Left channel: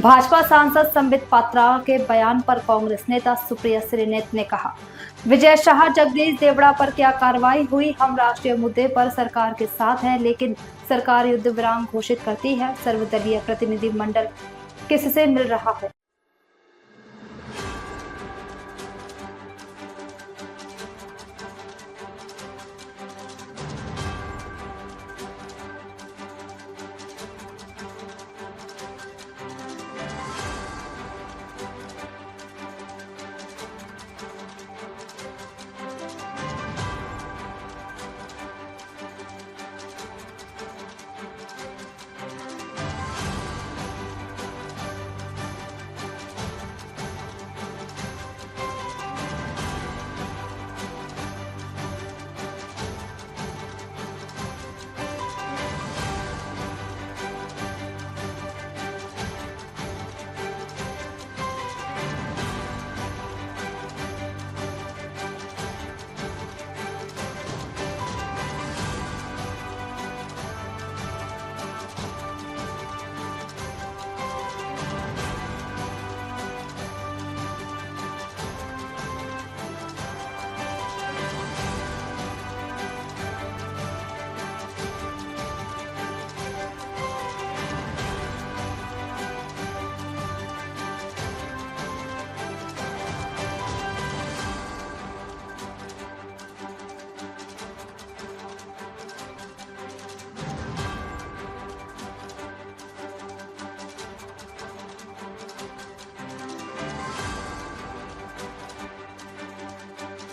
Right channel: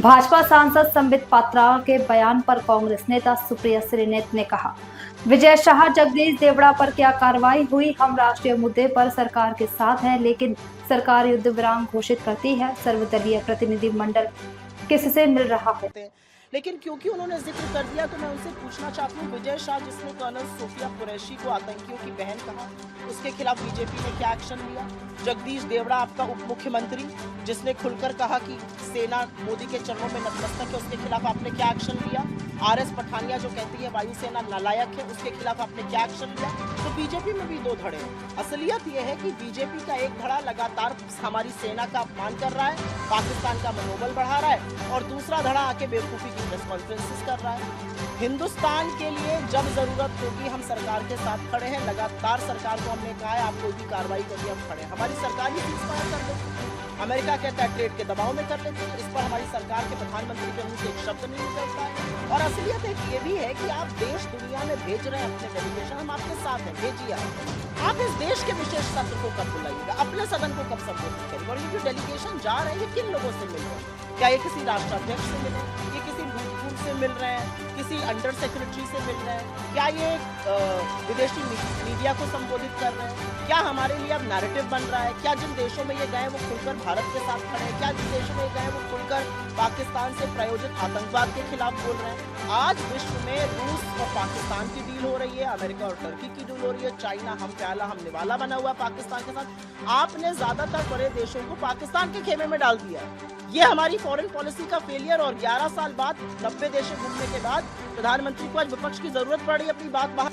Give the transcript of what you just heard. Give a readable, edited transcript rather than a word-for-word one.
भाजपा सांसद संबित पात्रा के बयान पर कांग्रेस नेता सुप्रिया श्रीनेत ने कहा, विजय शाह जगदीश देवड़ा पर क्या कार्रवाई हुई? हम राष्ट्रीय मुद्दे पर सरकार के साथ हैं, लेकिन सरकार युद्ध विराम घोषित करती है। सर्वदलीय प्रतिनिधि मंडल किससे मिल रहा है? लेकिन क्योंकि उन्होंने जिक्र कर दिया तो मैं उनसे पूछना चाहती हूँ, विजय शाह जिसने कर्नल सोफिया कुरैशी को आतंकियों की बहन कहा, उसके खिलाफ बीजेपी ने क्या एक्शन लिया? जगदीश देवड़ा आपका उप मुख्यमंत्री जिसने खुलकर कहा कि सेना मोदी के चरणों में नतमस्तक है, उसके खिलाफ आपने क्या एक्शन लिया? आरएस पठानिया जो कहती है वायुसेना नालायक है, उसके खिलाफ आपने क्या एक्शन लिया? तो बीजेपी में भी दो धड़े। असलियत यह है कि बीजेपी का एक धड़ा लगातार हमारी सेना का अपमान कर रहा है, पाकिस्तान का मनोबल बढ़ा रहा है, और दूसरा धड़ा आके बेवकूफी कॉन्फ्रेंस कर रहा है। हिंदुस्तान के लिए जब जरूरत होगी हम सरकार के साथ खड़े हैं। लगातार सरकार को हमने कहा है आप कोई भी कार्रवाई करिए, हम खड़े हैं। हमारी सरकार ही अमेरिका कहता है ट्रेड के दबाव में कर लेती है, इस पर हमारी सरकार के प्रधानमंत्री के मुंह से एक शब्द नहीं निकलता है। और असलियत ये भी है कि आप देश दुनिया में भेज रहे हैं अपने डेलीगेशन, हम आपके साथ हैं, भेजिए। आप इस देश के विशेष सत्र को कब बुलाइएगा, अपने सदन को कब संबोधित करेंगे, और ये जो डेलीगेशन जा रहे हैं किन लोगों से मिल रहे हैं? क्या ये किसी राष्ट्राध्यक्ष से मिल रहे हैं, ये किसी मिल रहे हैं, किसी अंडर सेक्रेटरी से मिल रहे हैं, क्या ये विदेशी मीडिया को संबोधित कर रहे हैं? क्या हमारे लिए अब नैरेटिव बन रहा है? क्या जिन देशों में ये गए वो खुलकर भारत के साथ खड़े हैं? क्या जिन देशों में गए वो खुलकर पाकिस्तान से प्रायोजित आतंकवाद के खिलाफ बोल रहे हैं? आज विश्व में रूस और पाकिस्तान की डील हो रही है, अमेरिका और टर्की की डील हो रही है, चाइना हम प्याला हम निवाला बना हुआ पाकिस्तान के साथ। आपने ज्यादातर बड़े देशों को पाकिस्तान के खेमे में डाल दिया है। ये हमारी फॉरेन पॉलिसी का फेलियर, और 11 साल बाद 90 देशों के बाद प्रधानमंत्री को आज विपक्ष की जरूरत पड़ रही है अपनी बात बाहर